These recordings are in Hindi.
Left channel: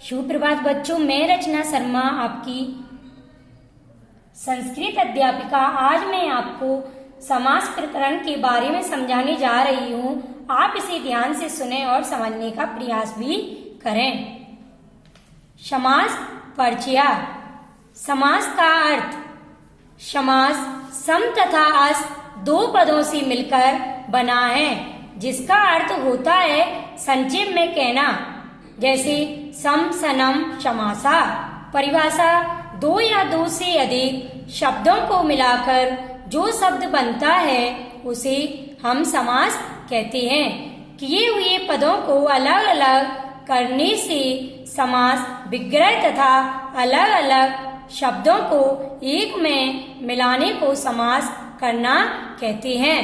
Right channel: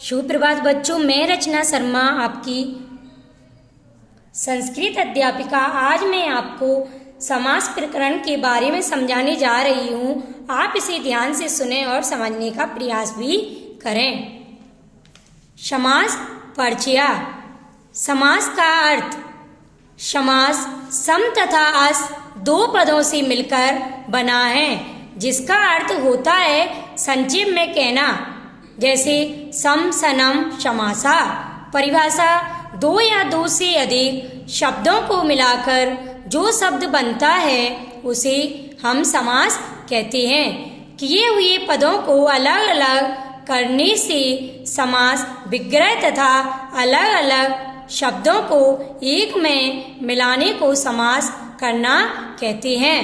सुप्रभात बच्चों, मैं रचना शर्मा आपकी संस्कृत अध्यापिका। आज मैं आपको समास प्रकरण के बारे में समझाने जा रही हूँ। आप इसे ध्यान से सुने और समझने का प्रयास भी करें। समास परिचय। समास का अर्थ। समास सम तथा अस दो पदों से मिलकर बना है, जिसका अर्थ होता है संक्षेप में कहना, जैसे सम सनम समासा। परिभाषा। दो या दो से अधिक शब्दों को मिलाकर जो शब्द बनता है उसे हम समास कहते हैं। किए हुए पदों को अलग अलग करने से समास विग्रह तथा अलग अलग शब्दों को एक में मिलाने को समास करना कहते हैं।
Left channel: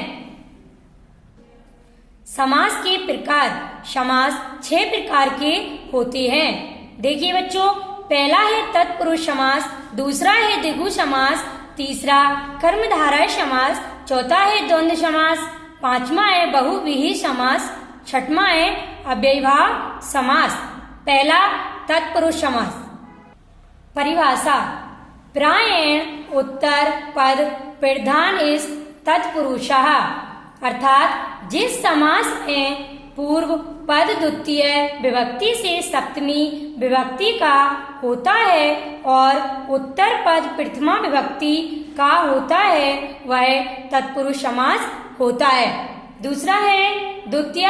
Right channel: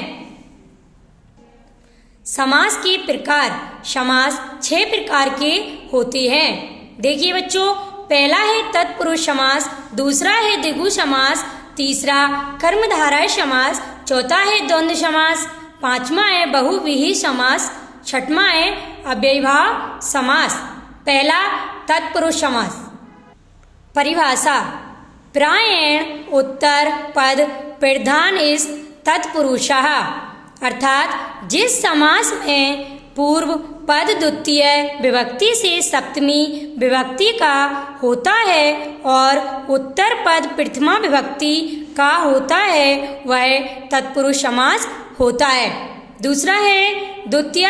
समास के प्रकार। समास 6 प्रकार के होते हैं। देखिए बच्चों, पहला है तत्पुरुष समास, दूसरा है द्विगु समास, तीसरा कर्मधारय समास, चौथा है द्वंद्व समास, पांचवा है बहुव्रीहि समास, छठवां है अव्ययीभाव समास। पहला तत्पुरुष समास। परिभाषा। प्रायेण उत्तर पद प्रधान इस तत्पुरुषः, अर्थात जिस समास में पूर्व पद द्वितीय विभक्ति से सप्तमी विभक्ति का होता है और उत्तर पद प्रथमा विभक्ति का होता है, वह तत्पुरुष समास होता है। दूसरा है द्वितीय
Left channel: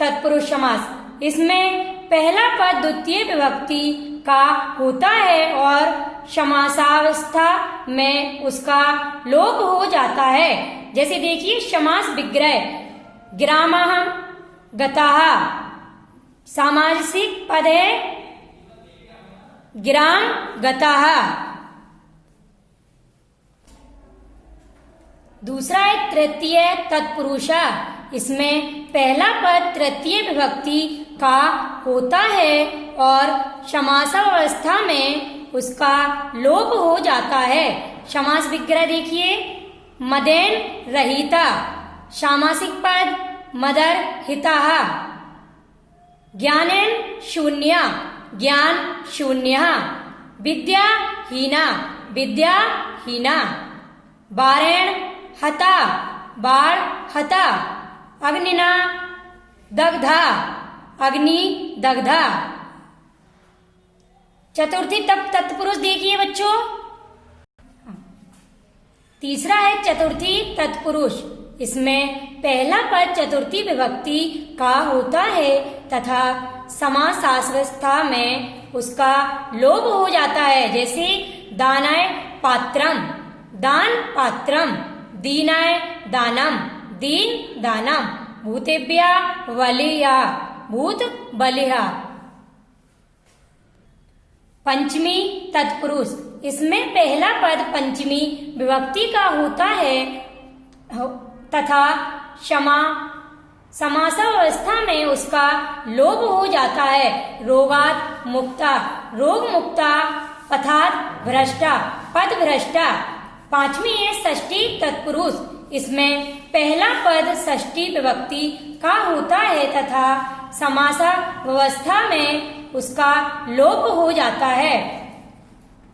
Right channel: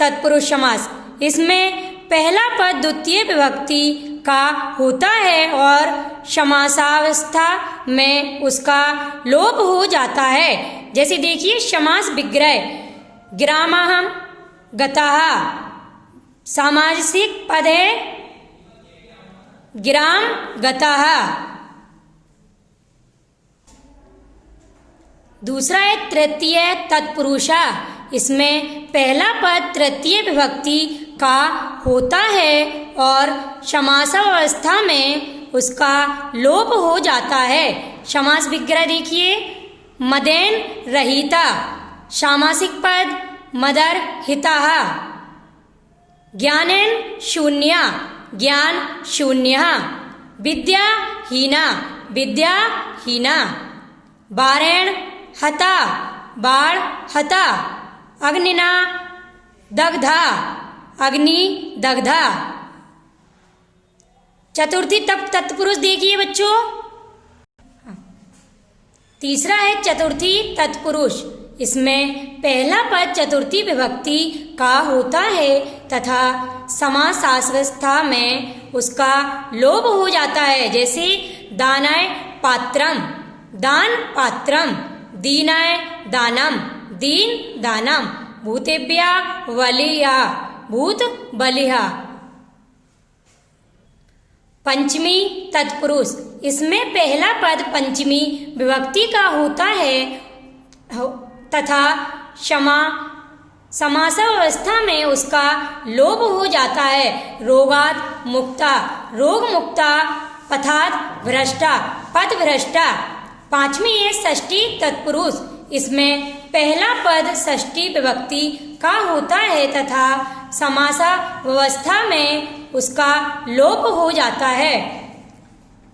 तत्पुरुष समास। इसमें पहला पद द्वितीय विभक्ति का होता है और समासावस्था में उसका लोप हो जाता है। जैसे देखिए, समास विग्रह। ग्रामः गतः सामासिक पद है ग्राम गतः। दूसरा है तृतीय तत्पुरुष। इसमें पहला पद तृतीय विभक्ति का होता है और समासावस्था में उसका लोप हो जाता है। समास विग्रह देखिए, मदेन रहिता। सामासिक पद मदर हितः। ज्ञानेन शून्य, ज्ञान शून्य। विद्याहीना, विद्याहीना। बारेण हता, बाण हता। अग्निना दग्धा, अग्नि दग्धा। चतुर्थी तत्पुरुष देखिए बच्चों। तीसरा है चतुर्थी तत्पुरुष। इसमें पहला पद चतुर्थी विभक्ति का होता है तथा समासावस्था में उसका लोप हो जाता है। जैसे दानाय पात्रम, दान पात्रम। दीनाय दानम, दीन दानम। भूतेभ्या बलिया, भूत बलिहा। पंचमी तत्पुरुष। इसमें पहला पद पंचमी विभक्ति का होता है तथा समासावस्था में उसका लोप हो जाता है। रोगात मुक्ता, रोग मुक्ता। पथात भ्रष्टा, पथ भ्रष्टा। पांचवी है षष्ठी तत्पुरुष। इसमें पहला पद षष्ठी विभक्ति का होता है तथा समासावस्था में उसका लोप हो जाता है।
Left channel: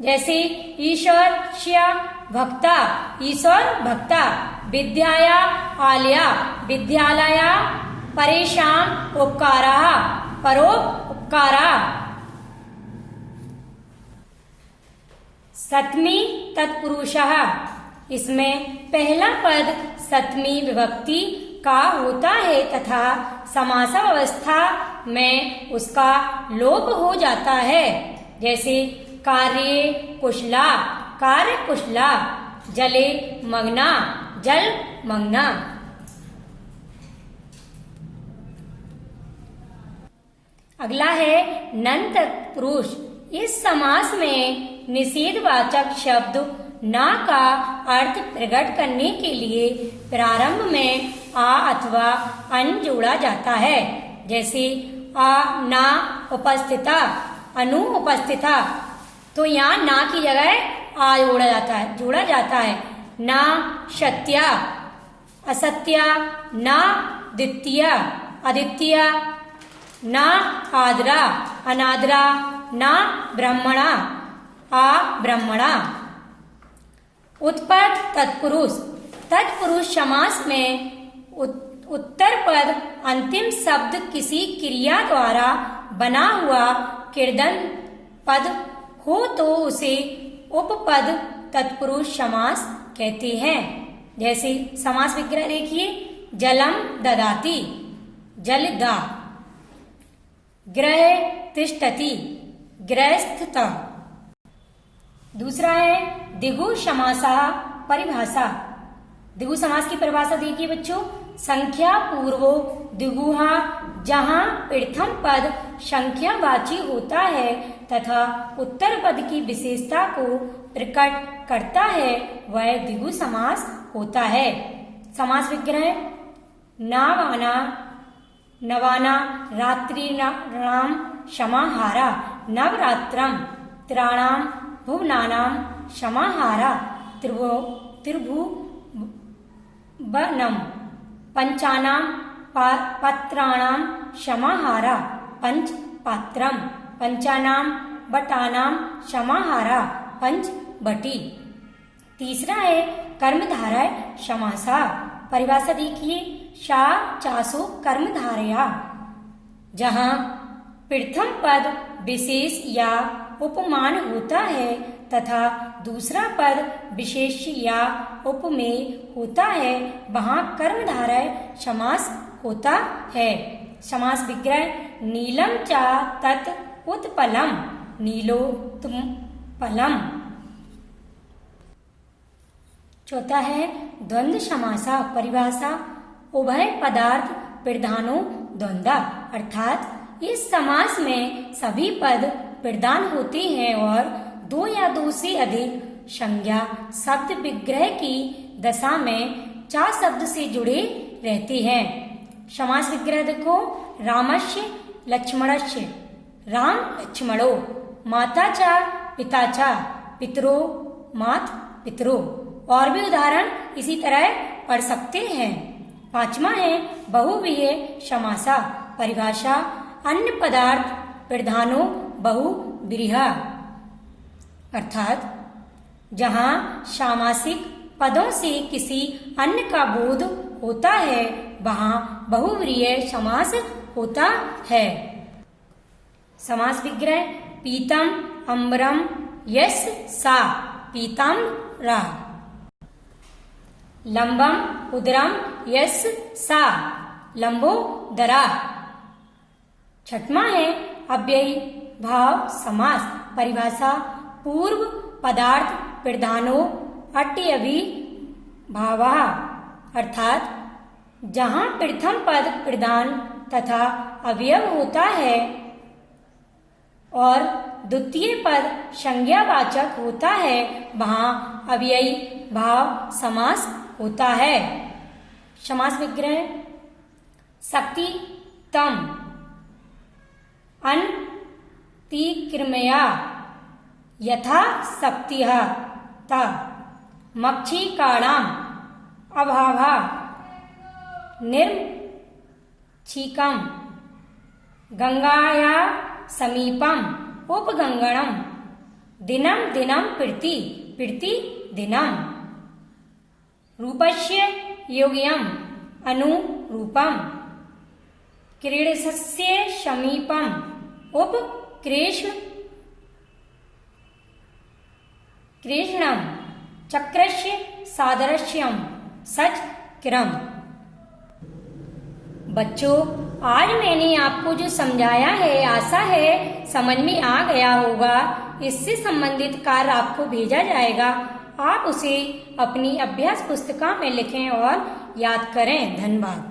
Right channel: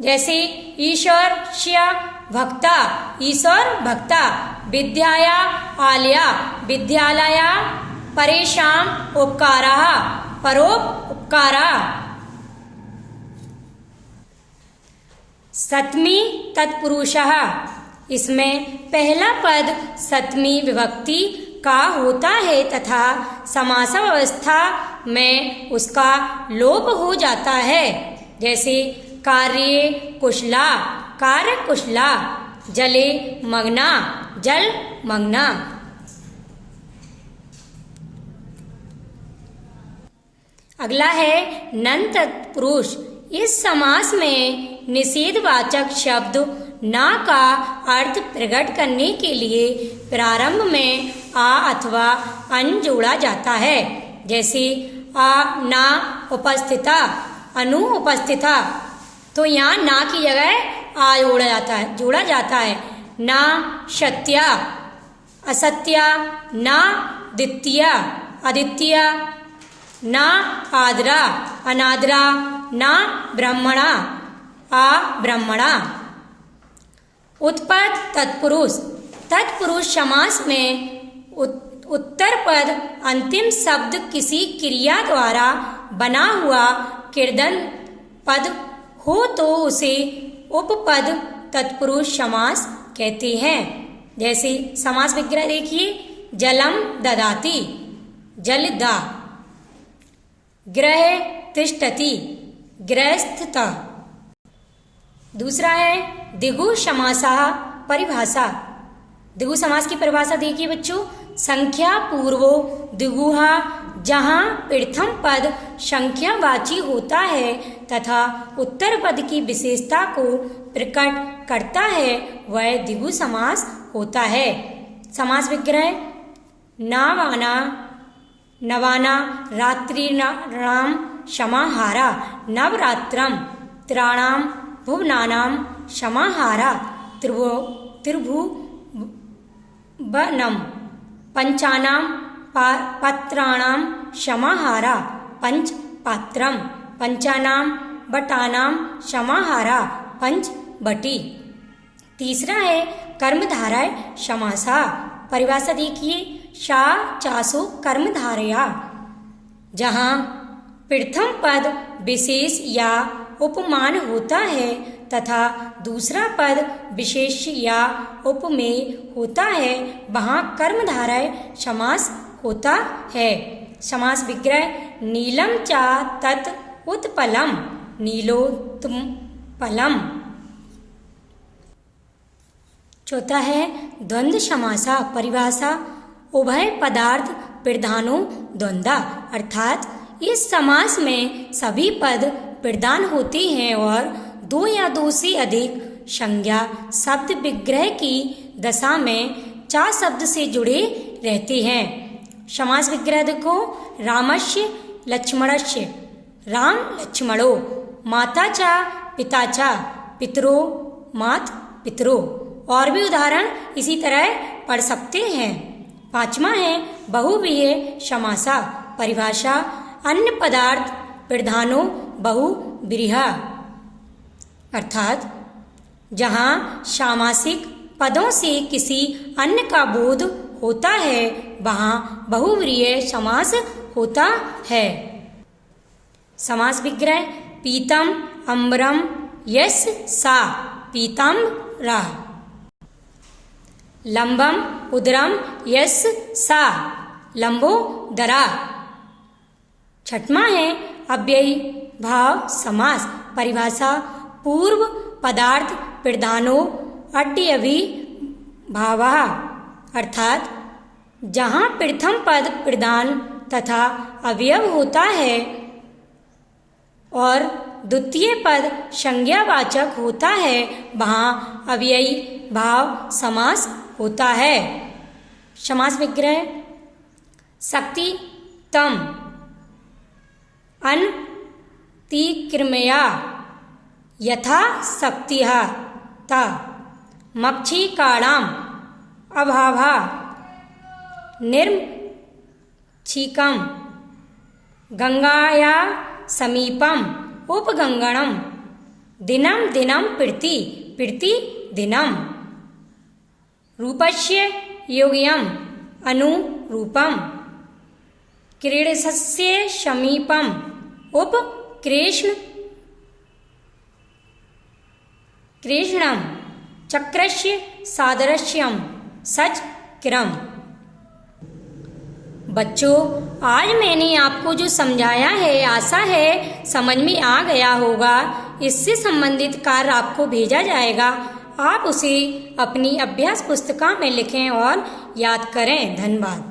जैसे ईश्वरस्य भक्ता, ईश्वर भक्ता। विद्याया आलया, विद्यालया। परेशान उपकाराः, परोपकाराः। सप्तमी तत्पुरुषः। इसमें पहला पद सप्तमी विभक्ति का होता है तथा समासावस्था में उसका लोप हो जाता है। जैसे कार्ये कुशला, कार्य कुशला। जले मग्ना, जल मग्ना। अगला है नन तत्पुरुष। इस समास में निषेधवाचक शब्द ना का अर्थ प्रकट करने के लिए प्रारंभ में आ अथवा अन जोड़ा जाता है। जैसे आ ना उपस्थिता, अनु उपस्थिता। तो यहाँ ना की जगह आ जोड़ा जाता है। ना सत्या, असत्या। ना द्वितीया, अद्वितीया। ना आदरा अनादरा, ना ब्रह्मणा अब्रह्मणा। उत्पद तत्पुरुष, तत्पुरुष समास में उत्तर पद अंतिम शब्द किसी क्रिया द्वारा बना हुआ किर्दन पद हो तो उसे उपपद तत्पुरुष समास कहते हैं। जैसे समास विग्रह देखिए, जलम ददाति जलदा, ग्रह तिष्ठति गृहस्थता। दूसरा है दिगु समासः परिभाषा। दिगु समास की परिभाषा देखिए बच्चों, संख्या पूर्वो दिगुहा, जहाँ प्रथम पद संख्यावाची होता है तथा उत्तर पद की विशेषता को प्रकट करता है वह दिगु समास होता है। समास विग्रह, नावाना नवाना रात्रिणाम समाहारा, नवरात्रम त्राणाम भुवनानाम समाहारा, त्रिभुवनम पंचानाम पत्राणाम समाहारा, पंचपात्रम पंचानाम बटानाम समाहारा, पंचबटी। तीसरा है कर्मधारय समासा। परिभाषा देखिए, शा चासो कर्मधारया, जहाँ प्रथम पद विशेष या उपमान होता है तथा दूसरा पद विशेष या उपमेय होता है वहाँ कर्मधारय समास होता है। समास विग्रह, नीलम चा तत् उत्पलम नीलोत्पलम। चौथा है द्वंद्व समासा। परिभाषा, उभय पदार्थ प्रधानो द्वंद्वा, अर्थात इस समास में सभी पद प्रधान होते हैं और दो या दो से अधिक संज्ञा शब्द विग्रह की दशा में चा शब्द से जुड़े रहते हैं। समास विग्रह देखो, रामस्य लक्ष्मणस्य, राम लक्ष्मणो, माता चा पिता चा, पितरो मात पितरो। और भी उदाहरण इसी तरह पढ़ सकते हैं। पांचवा है बहुव्रीहि समासा। परिभाषा, अन्य पदार्थ प्रधानो बहुव्रीहि, अर्थात जहाँ सामासिक पदों से किसी अन्य का बोध होता है वहाँ बहुव्रीहि समास होता है। समास विग्रह, पीतम अम्बरम यस सा पीताम्बरा, लंबम उदरम यस सा लंबोदरा। छठवां है अव्ययी भाव समास। परिभाषा, पूर्व पदार्थ प्रधानो अट्यवी भावा, अर्थात जहाँ प्रथम पद प्रधान तथा अवयव होता है और द्वितीय पद संज्ञावाचक होता है वहाँ अव्ययी भाव समास होता है। समास विग्रह, शक्ति तम अनतिक्रिमया यथा शक्तिः ता, मक्षिकाणाम अभावा निर्मक्षिकम, गंगाया समीपम उपगंगणम, दिनम दिनम प्रीति प्रीति दिनम, रूपस्य योग्यम अनुरूपम, क्रीडस्य समीपम कृष्णम, चक्रस्य सादृश्यम सचक्रम। बच्चों, आज मैंने आपको जो समझाया है आशा है समझ में आ गया होगा। इससे संबंधित कार्य आपको भेजा जाएगा, आप उसे अपनी अभ्यास पुस्तिका में लिखें और याद करें। धन्यवाद।